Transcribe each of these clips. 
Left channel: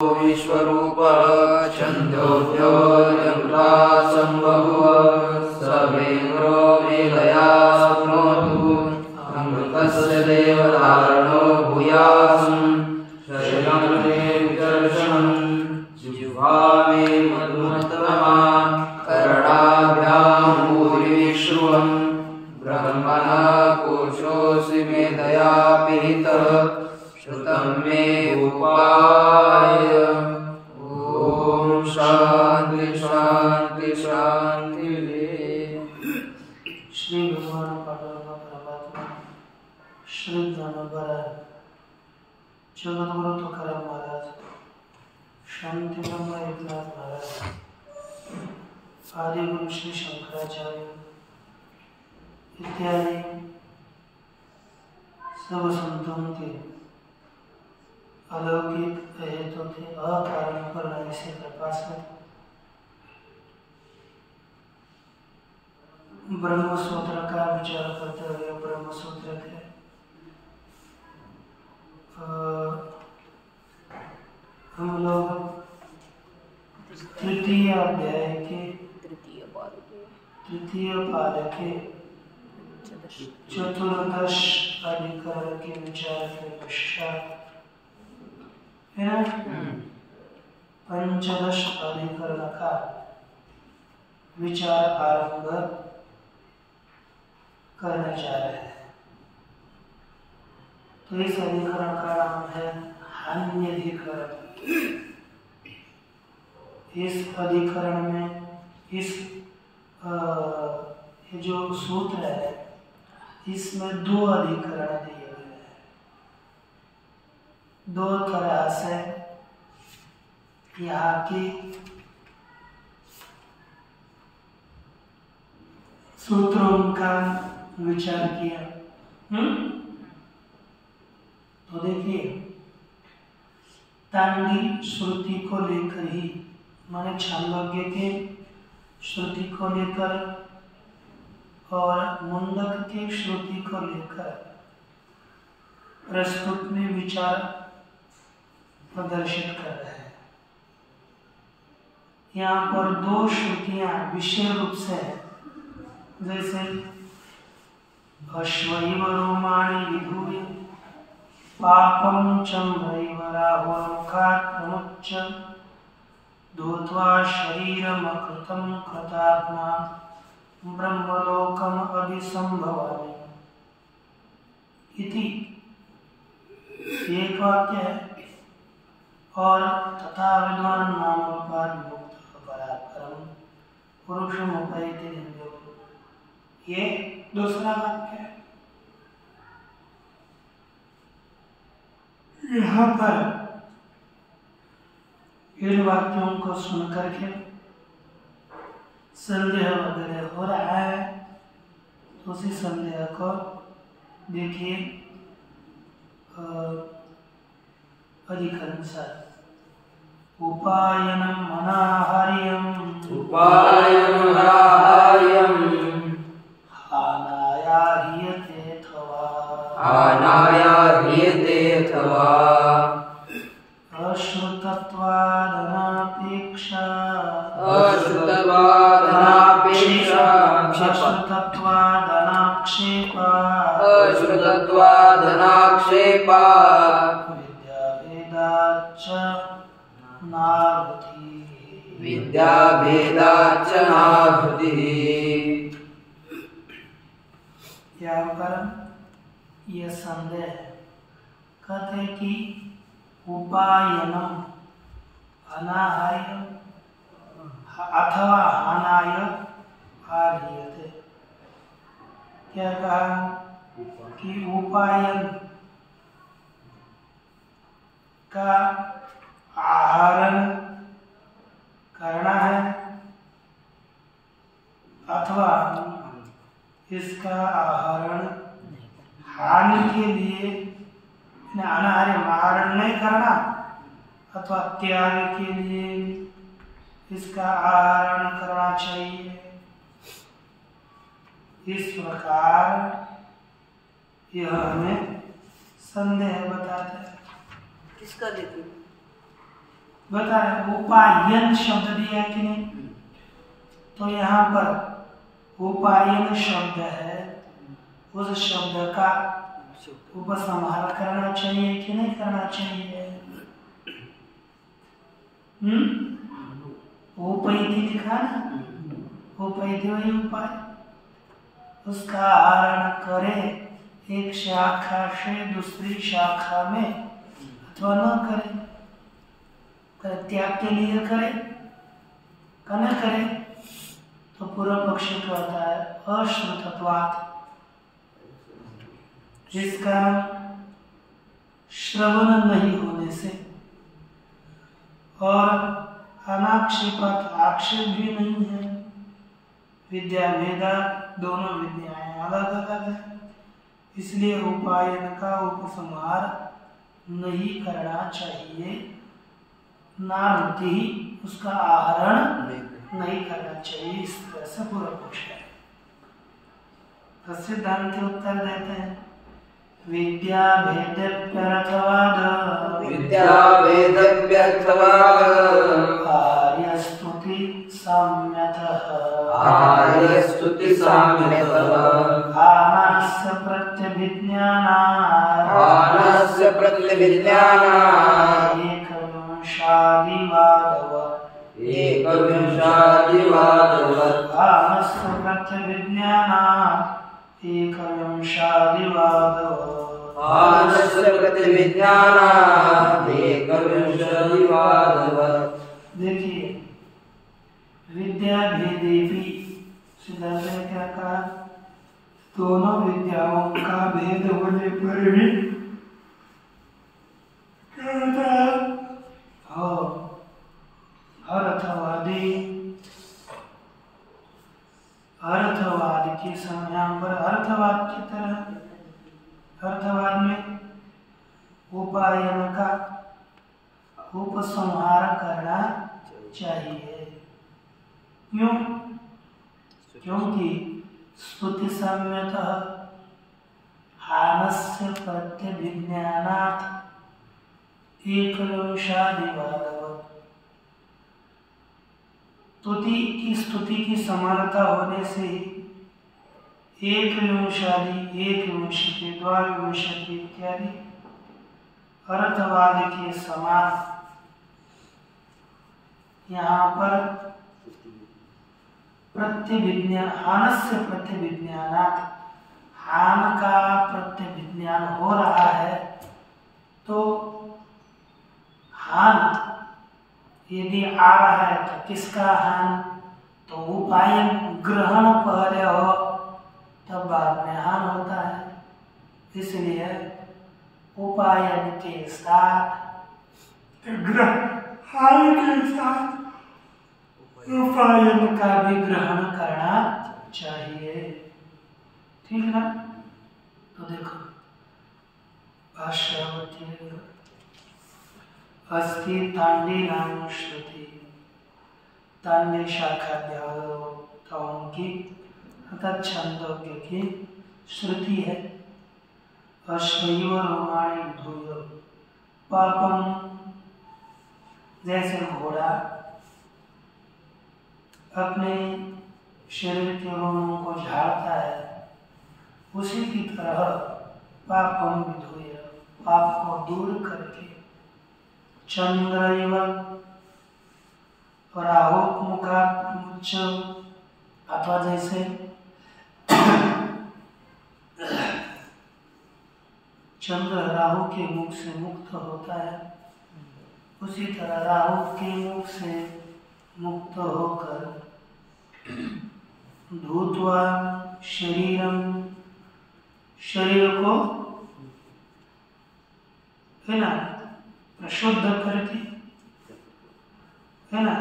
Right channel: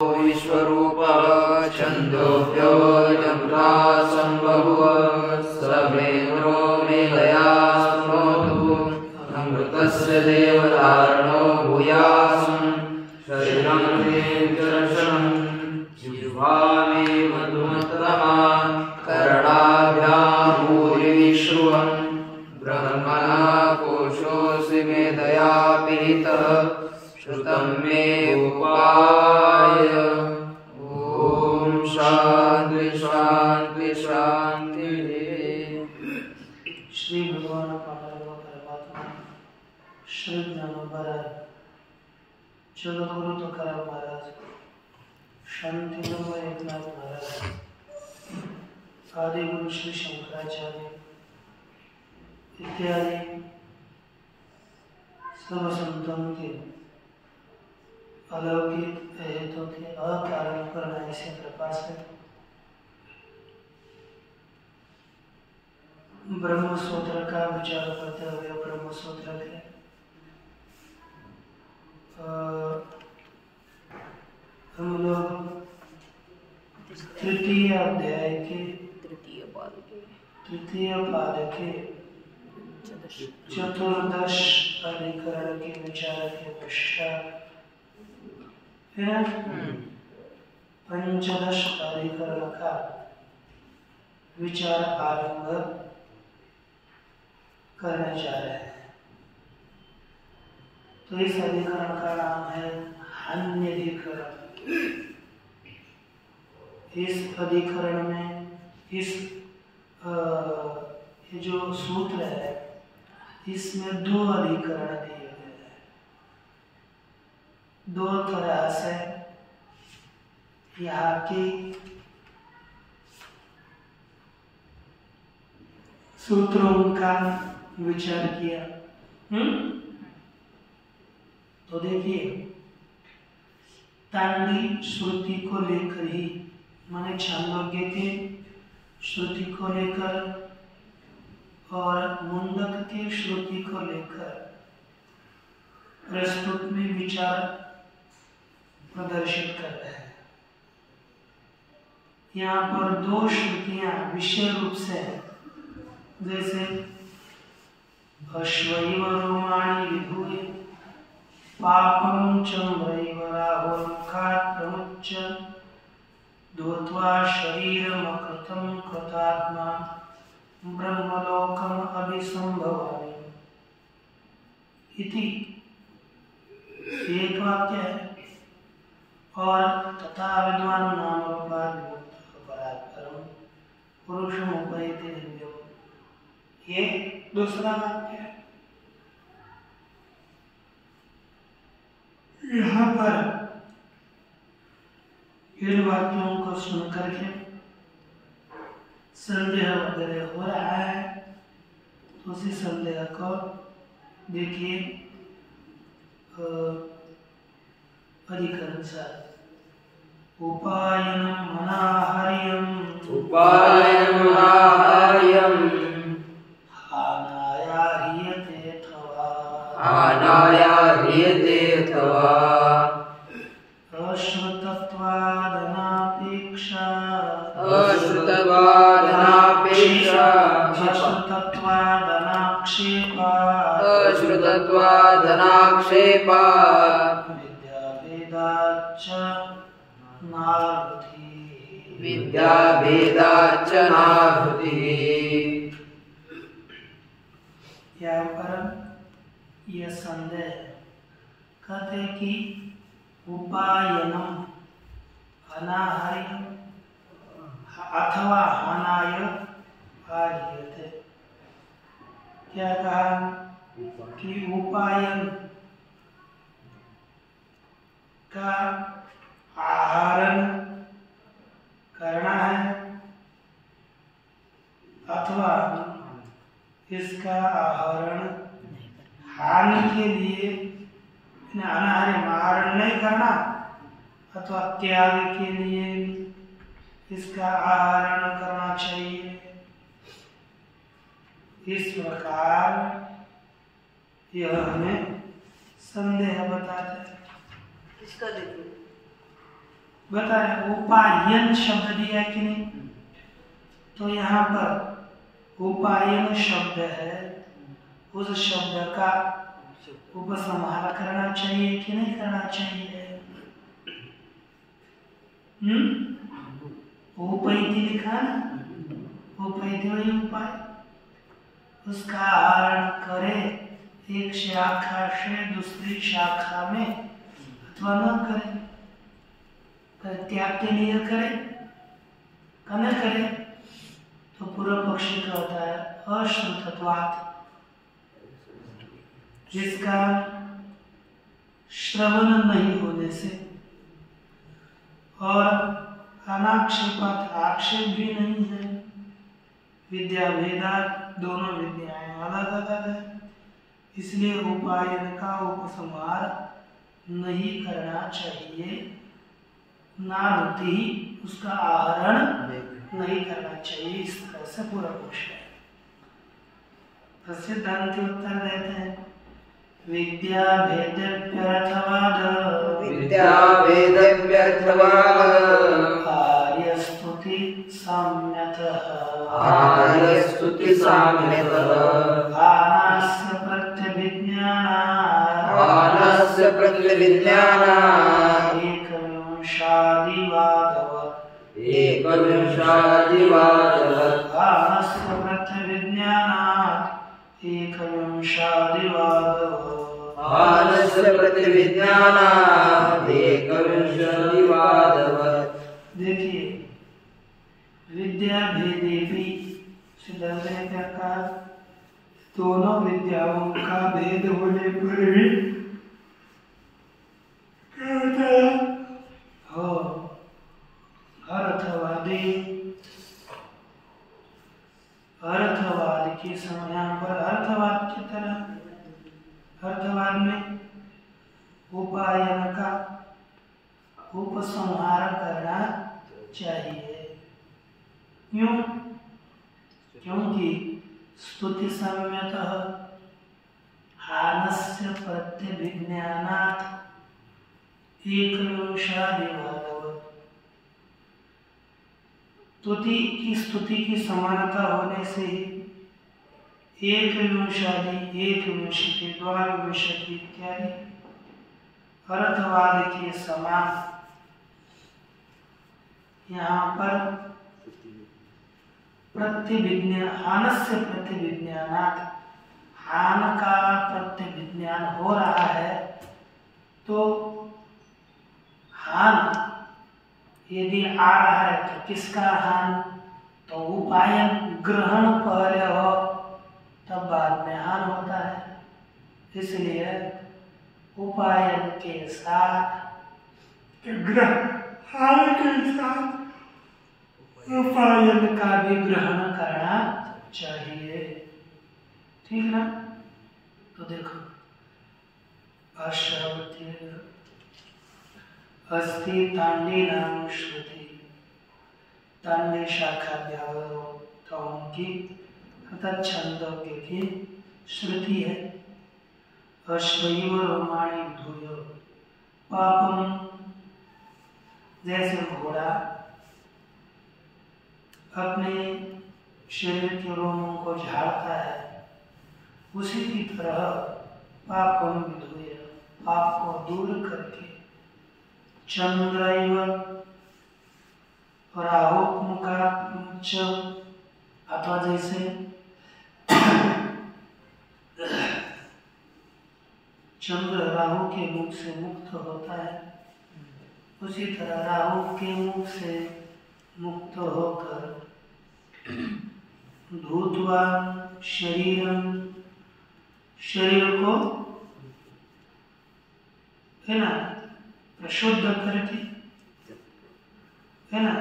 विश्वरूप छन्दोभ्योऽयमृता सम्बहुः सवेन्द्रो मेलया शृणोतु अमृतस्य देवधारणो भूयासं शरणं मे दर्शनं जिह्वा मे मधुमत्तमा कर्णाभ्यां भूरि विश्रुवं ब्रह्मणा कोशोऽसि मेधया पिहितः श्रुतं मे उपाय। ओम शांति शांति शांति। श्री भगवान परमात्मा श्री ज्ञानोबराय जगद्गुरु तुकाराम महाराज, शांति एकनाथ महाराज, आदि गुरु श्री शंकराचार्य इत्यादि सब संतों के अलौकिक हेतु थे अकारण पर ऐसी कृपा से ब्रह्म सूत्र का विचार करते हुए ब्रह्म सूत्र के हम लोग तृतीय अध्याय के तृतीय पाद के चतुर्दश अधिकरण के विचार के पश्चात पंचदश अधिकरण का विचार आरंभ करने जा रहे हैं। तो इस अधिकरण का नाम है हान्यधिकरण। इस अधिकरण में ये जो सूत्र है इसमें दो अधिकरण दिए हुए हैं। दो तरह से यहाँ की सूत्रों का विचार किया। तो देखिए, तांडी श्रुति को लेकर ही, माने छांदोग्य के श्रुति को लेकर और मुंडक की श्रुति को लेकर प्रस्तुत में विचार प्रदर्शित कर रहे हैं। यहाँ पर दो श्रुतियां विषय रूप से हैं, जैसे अश्वैव रोमाणि विधूय पापं चम्रैव राहुर्मुखात् प्रमुच्य धूत्वा शरीरमकृतं कृतात्मा ब्रह्मलोकम अभिसंभवामि इति एक वाक्य है। और तथा विद्वान नाम रूपात् विमुक्तः परात्परं पुरुषम् उपैति दिव्यो, ये दूसरा वाक्य है। यहाँ पर इन वाक्यों को सुनकर के संदेह वगैरह हो रहा है, तो उसी संदेह को देखिए अधिकरण उपायनं अनाहार्यं हानाया ह्रियते अथवा अश्रुतत्वादनापेक्षा विद्याभेदाच्च नाभूति। यहाँ पर यह संदेह कहते कि उपायनम अनाहार्यम अथवा हानाय हार्यते। क्या कहा कि उपायन का आहरण करना है अथवा इसका आहरण हानि के लिए आहरण नहीं करना अथवा त्याग के लिए इसका आहरण करना चाहिए। इस प्रकार यह हमें संदेह बताते हैं। किसका देखिए बता रहे उपायन शब्द दिया कि नहीं, तो यहाँ पर उपायन शब्द है, उस शब्द का उपसंहार करना चाहिए कि नहीं करना चाहिए? उपैति लिखा ना, उपैति वही उपाय, उसका आहरण करे एक शाखा से दूसरी शाखा में, अथवा न करे, त्याग के लिए करे न करे, तो पूर्व पक्ष का होता है अश्रुतत्वात्, जिसका श्रवण नहीं होने से और अनाक्षेपत आक्षेप भी नहीं है। विद्या भेदा दोनों विद्याएं अलग अलग है, इसलिए उपायन का उपसंहार नहीं करना चाहिए, नारति ही उसका आहरण नहीं करना चाहिए। इस तरह से पूरा पक्ष है। तो सिद्धांति उत्तर देते हैं विद्या भेदव्यर्थवाद, विद्या भेदव्यर्थवाद, आर्य स्तुति साम्यतः, आर्य स्तुति साम्यतः, आनास्य प्रत्यभिज्ञानात्, आनास्य प्रत्यभिज्ञानात्, एकविंशादिवादवत्, एकविंशादिवादवत्, आनस्य प्रत्यभिज्ञानात् एकविंशादिवादवत्, आनस्य प्रत्यभिज्ञानात् एकविंशादिवादवत्। देखिए विद्या भेदेपि, सिद्धांत ने क्या कहा? दोनों विद्याओं का भेद होने पर भी क्या होता है? हो अर्थवादी, अर्थवाद के समय पर अर्थवाद की तरह, अर्थवाद में उपायन का उपसंहार करना चाहिए। क्यों? क्योंकि स्तुति साम्यतः हानस्य प्रत्यभिज्ञानात् एकविंशादिवादवत्, स्तुति की समानता होने से ही एक विंशादि, एक विंशति, द्वाविंशति इत्यादि अर्थवाद के समान यहाँ पर प्रत्यभिज्ञान, हानस्य प्रत्यभिज्ञानात्, हान का प्रत्यभिज्ञान हो रहा है, तो हान यदि आ रहा है तो किसका हान? तो उपायन ग्रहण पहले हो तब बाद में हान होता है, इसलिए उपायन के साथ ग्रहण के साथ उपायन का भी ग्रहण करना चाहिए। ठीक ना? तो देखो भाष्यावती अस्ति तांडीनाम श्रुति, तांडी शाखा देवताओं की अर्थात छंदोग्य की श्रुति है। अश्वैव रोमाणि धूय पापम, जैसे घोड़ा अपने शरीर के रोमों को झाड़ता है, उसी की तरह पापम विधूय, पाप को दूर करके, चंद्रैव राहुमुखाच्च, अथवा जैसे चंद्र राहु के मुख से मुक्त होता है, उसी तरह राहु के मुख से मुक्त होकर धूत्वा शरीरम, शरीर को है ना प्रशुद्ध करके, है ना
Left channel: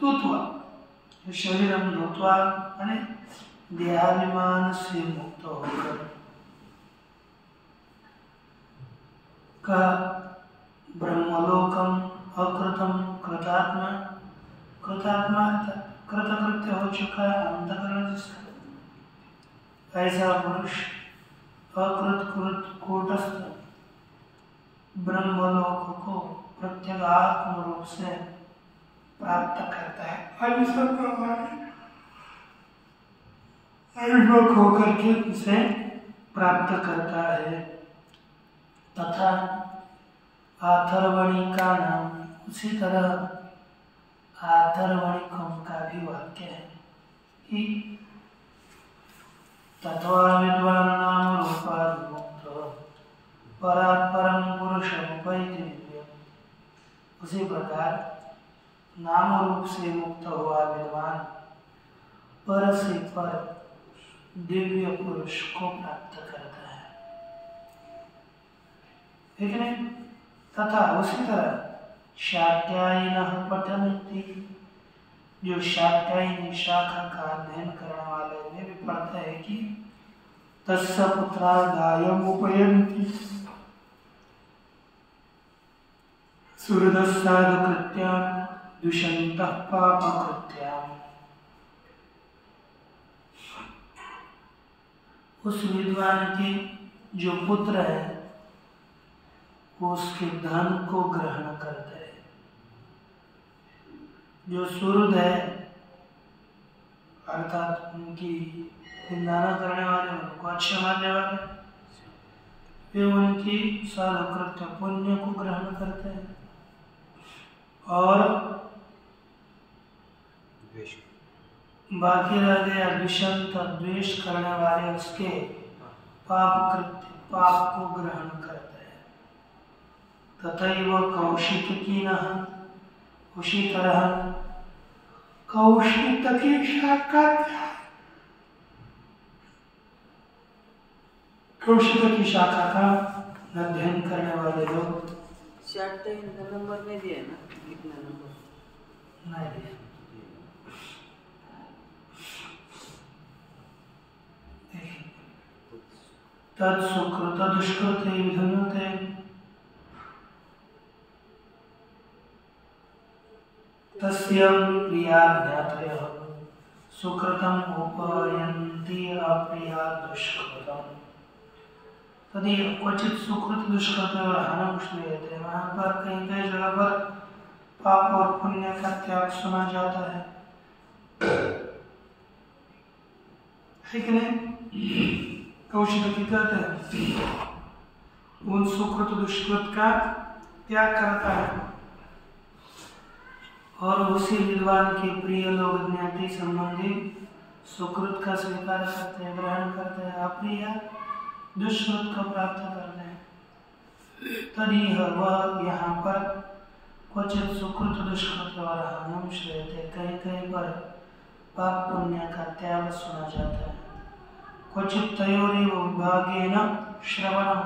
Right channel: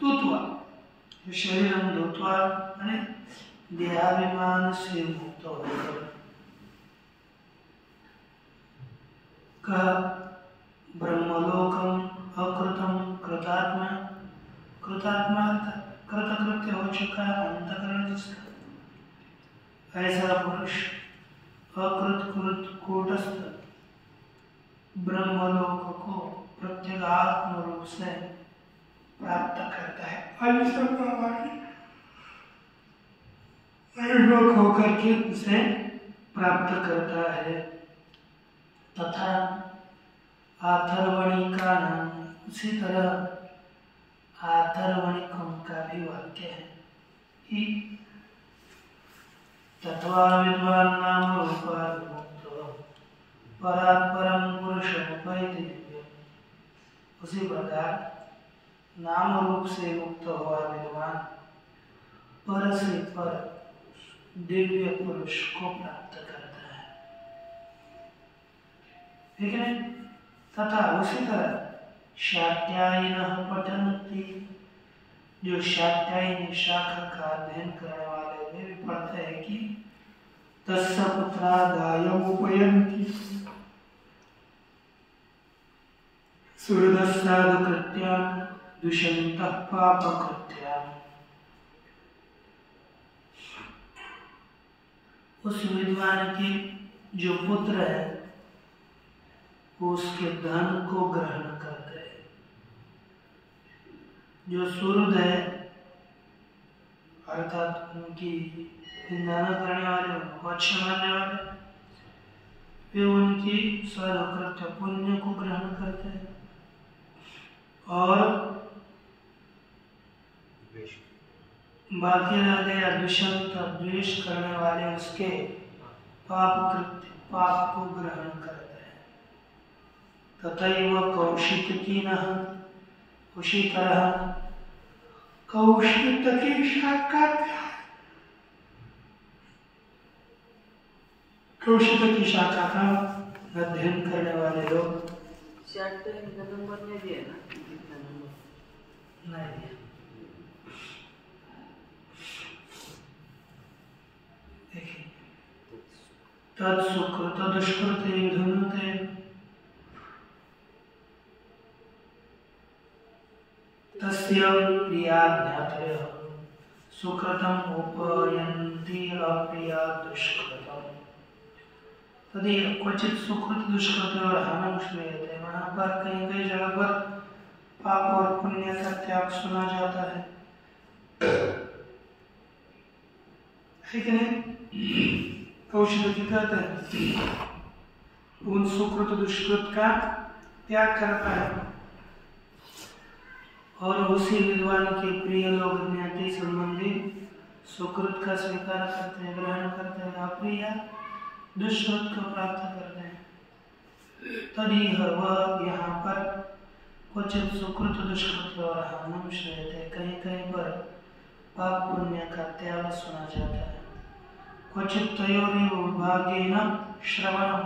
धूत्वा, शरीरम धूत्वा यानी देहाभिमान से मुक्त होकर का ब्रह्मलोकम अकृतम कृतात्मा, कृतात्मा कृतकृत्य हो चुका अंतकरण जिसका, ऐसा पुरुष अकृत कृत कूटस्थ ब्रह्मलोक को प्रत्यगात्म रूप से प्राप्त करता है। आयुष्मक होकर के उसे प्राप्त करता है। तथा आथर्वणी का नाम उसी तरह आथर्वणिकों का भी वाक्य है कि तत्वा विद्वान नाम रूपार्मुक्त परात् परम पुरुषम उपैति दिव्यम्। उसी प्रकार नाम रूप से मुक्त हुआ विद्वान पर से पर दिव्य पुरुष को प्राप्त करता है। ठीक है। तथा उसी तरह शाक्यायिनः पठन्ति, जो शाक्यायिनी शाखा का अध्ययन करने वाले में भी पढ़ते हैं कि तस्य पुत्रा गायम् उपयन्ति सुहृदस्साधुकृत्यां दुष्यन्तः पापकृत्याम्। उस विद्वान के जो पुत्र है वो उसके धन को ग्रहण करते हैं। जो सुहृद है अर्थात उनकी निंदा करने वाले, उनको अच्छा मानने वाले, वे उनकी सर्वकृत्य पुण्य को ग्रहण करते हैं और बाकी रह गया दुष्यंत, द्वेष करने वाले उसके पाप को ग्रहण करते हैं। तथैव कौशिकिनः, उसी तरह कौशिकी शाखा, कौशिकी शाखा का अध्ययन करने वाले लोग। नंबर में भी है ना, कितना नंबर नहीं दिया। तत्सुकृत दुष्कृते विधुनते, तस्य प्रिया ज्ञातयः सुकृतम् उपयन्ति अप्रिया दुष्कृतम्। तदि क्वचित सुकृत दुष्कृत और हानम श्रूयते, वहाँ पर कहीं कहीं जगह पर पाप और पुण्य का त्याग सुना जाता है। ठीक है। कौशिकी कहते हैं उन सुकृत दुष्कृत का त्याग करता है और उसी विद्वान के प्रिय लोग ज्ञाति संबंधी सुकृत का स्वीकार करते हैं, ग्रहण करते हैं, अप्रिय दुष्कृत को प्राप्त करते हैं। तभी वह यहाँ पर क्वचित सुकृत दुष्कृत और हानम श्रूयते, कहीं कहीं पर पाप पुण्य का त्याग सुना जाता है। क्वचित तयोरेव विभागेन श्रवणम,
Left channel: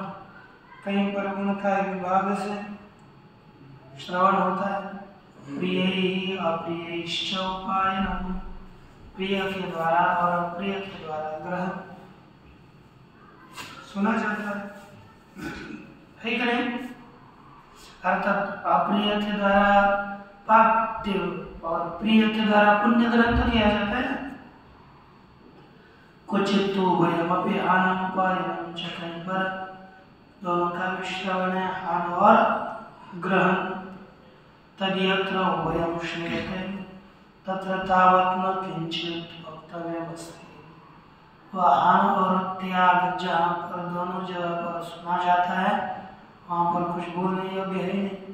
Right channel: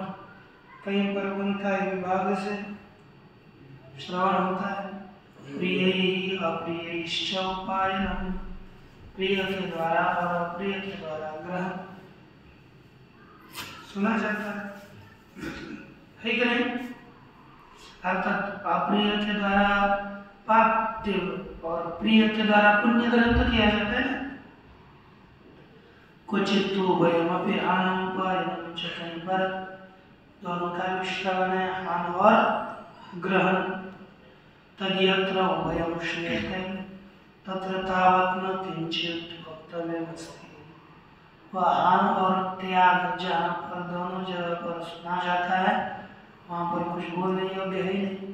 कहीं पर उनका विभाग से श्रवण होता है। प्रिय अप्रियश्च उपायनम, प्रिय के द्वारा और अप्रिय के द्वारा ग्रहण सुना जाता है। ठीक है। अर्थात अप्रिय के द्वारा पाप और प्रिय के द्वारा पुण्य ग्रहण किया जाता है। क्वचित तो भयमपि हानम उपायनम च, कहीं पर दोनों का भी श्रवण है, हान और ग्रहण। तद्यत्र उभयं श्रूयते तत्र तावत् न किंचित् वक्तव्यमस्ति। वह हान और त्याग जहाँ पर दोनों जगह पर सुना जाता है वहाँ पर कुछ बोलने योग्य है नहीं।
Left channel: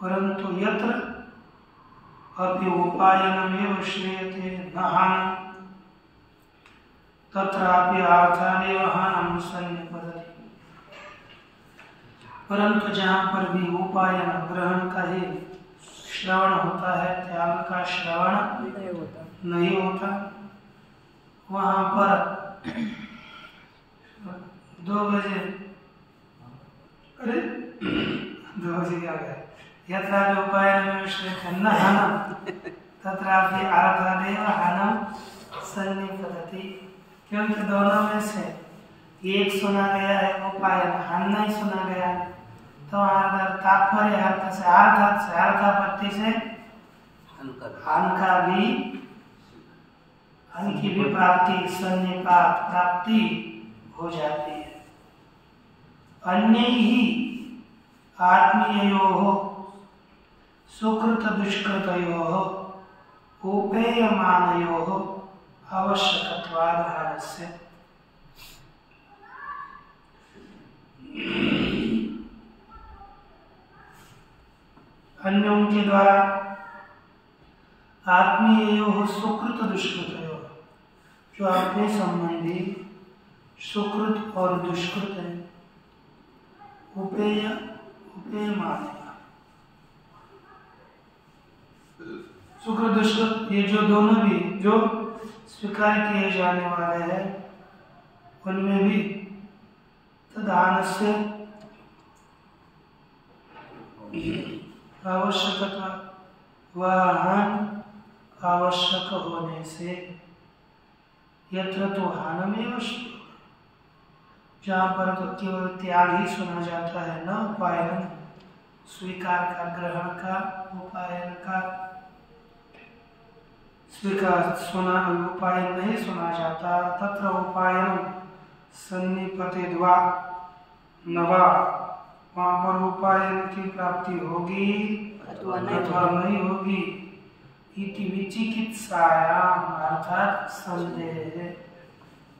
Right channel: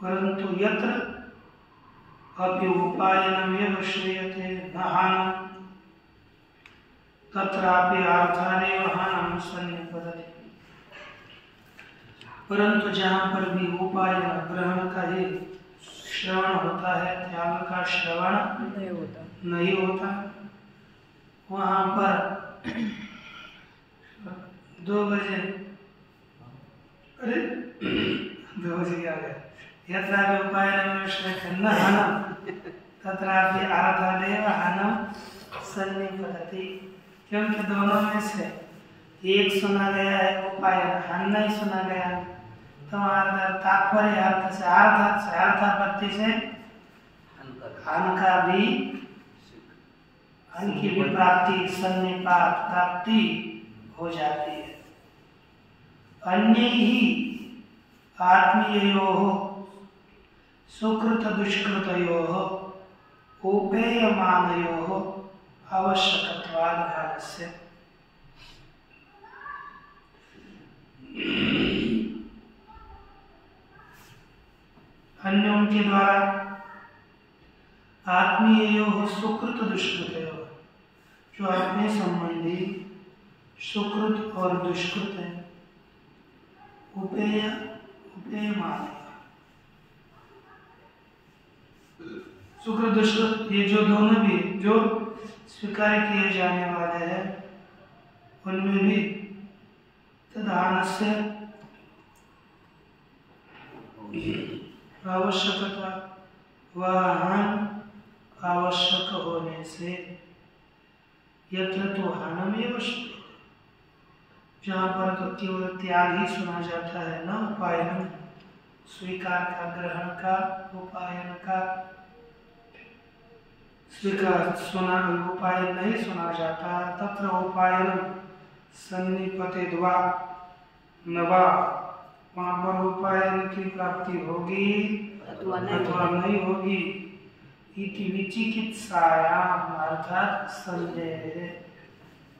परंतु यत्र अपि उपायनमेव श्रूयते न हानम् तत्रापि अर्थादेव हानम् सन्निपतति। परंतु जहाँ पर भी उपायन ग्रहण का ही श्रवण होता है, त्याग का श्रवण नहीं होता, वहाँ पर 2 बजे, अरे 2 बजे क्या गए, यत्रापि उपायनमेव श्रूयते न हानम् तत्रापि अर्थादेव हानम् सन्निपतति। क्योंकि दोनों में से एक सुना गया है उपायन, हान नहीं सुना गया है, तो तात्पर्य अर्थ से अर्थापत्ति से हान का भी अन की भी प्राप्ति सन्निपात प्राप्ति हो जाती है। अन्य ही आत्मीययोः सुकृत दुष्कृतयोः उपेयमानयोः आवश्यकत्वाद् हानस्य। अन्यों के द्वारा आत्मीययोः सुकृत दुष्कृतयोः, जो अपने संबंधी सुकृत और दुष्कृत है, उपेयमान सुकृत दुष्कृत, ये जो दोनों भी जो स्वीकार किए जाने वाले हैं उनमें भी तदानस्य आवश्यकता वह आवश्यक होने से यत्र तो हानमेव श्रूयते, जहाँ पर तो केवल त्याग ही सुना जाता है, न उपायन स्वीकार का, ग्रहण का, उपायन का स्वीकार सुना उपायन नहीं सुना जाता। तत्र उपायन सन्निपतेद्वा नवा, वहाँ पर उपायन की प्राप्ति होगी अथवा नहीं होगी। इति विचिकित्सायाम अर्थात संदेह,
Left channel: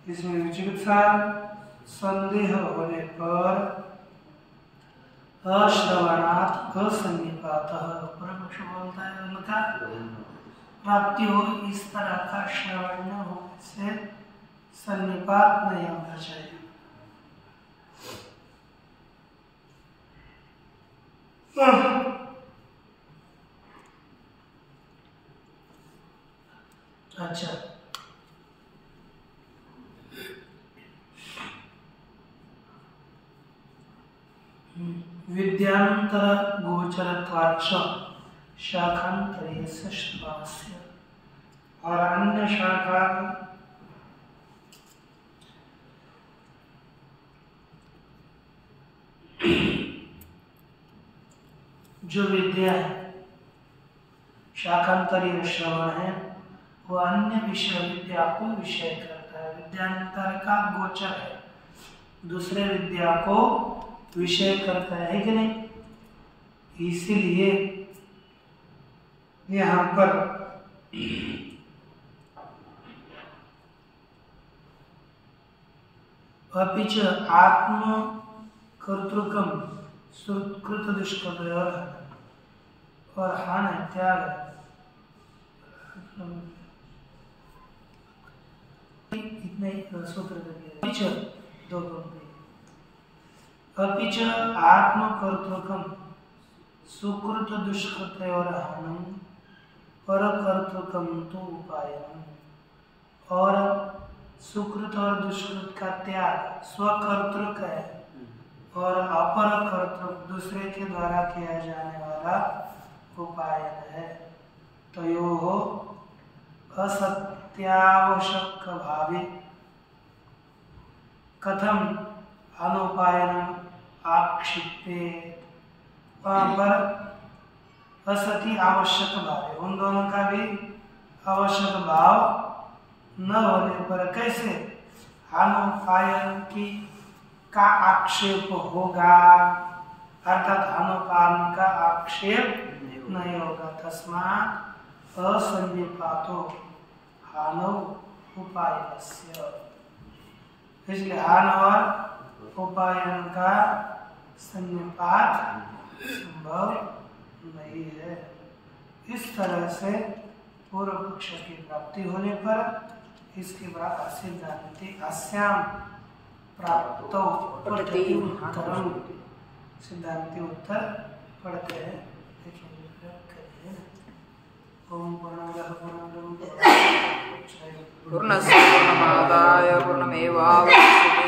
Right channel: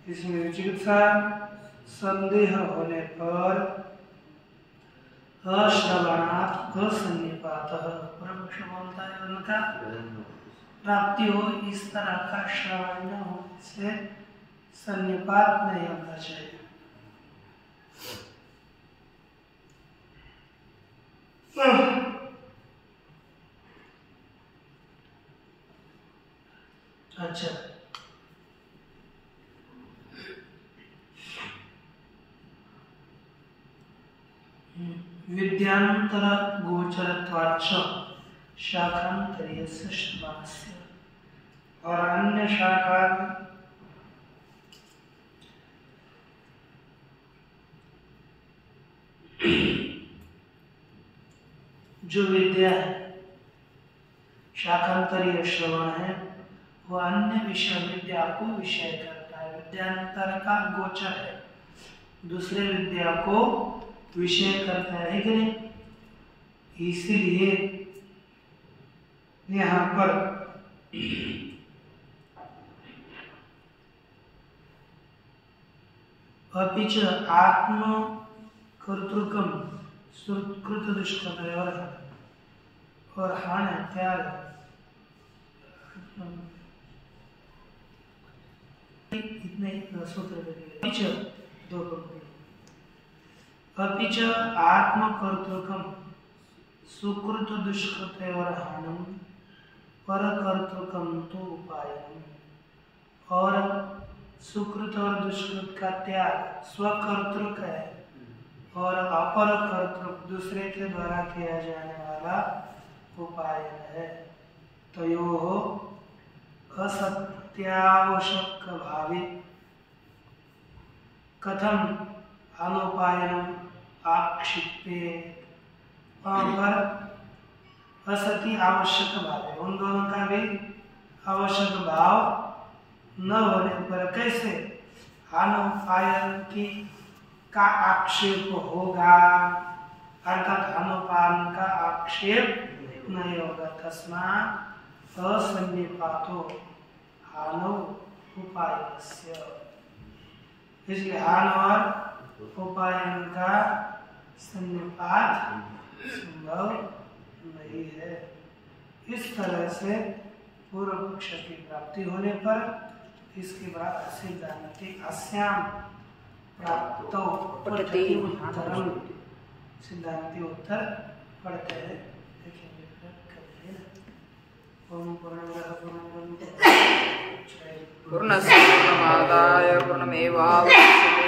इसमें विचिकित्सा संदेह होने पर अश्रवणात् असन्निपातः, परमक्ष बोलता है उनका प्राप्ति हो, इस तरह का श्रवण न होने से सन्निपात नहीं होना चाहिए। अच्छा, विद्यांतर गोचरत्वाच्च शाखान्तरीयस्य श्रवणस्य, और अन्य शाखा जो विद्या है, शाखांतरीय श्रवण है, वो अन्य विषय विद्या को विषय करता है। विद्यांतर का गोचर है, दूसरे विद्या को विषय करता है कि नहीं। इसीलिए यहाँ पर अपिच आत्म कर्तृकम सुकृत दुष्कृतयोः और हान त्याग, इतने सूत्र दिए, दो पंक्ति। अपिच आत्म कर्तृकम सुकृत दुष्कृतयोः हानम पर कर्तृकम तो उपायनम, और सुकृत और दुष्कृत का त्याग स्वकर्तृक है और अपर कर्तृक दूसरे के द्वारा किया जाने वाला उपायन है। तयोः असत्यावश्यक भावे कथम अनुपायनम आक्षिपेत, वहाँ पर असति आवश्यक भाव, उन दोनों का भी आवश्यक भाव न होने पर कैसे अनुपायन की का आक्षेप होगा, अर्थात अनुपालन का आक्षेप नहीं होगा। तस्मात् असन्निपातो हानौ उपायनस्य, इसलिए हान और उपायन का सन्निपात संभव नहीं है। इस तरह से पूर्व पक्ष की प्राप्ति होने पर इसके बाद सिद्धांति अस्याम प्राप्तो पठति उत्तरम, सिद्धांति उत्तर पढ़ते हैं, देखेंगे करते हैं। ओम पूर्णमदः पूर्णमिदं पूर्णस्य पूर्णमादाय पूर्णमेवावशिष्यते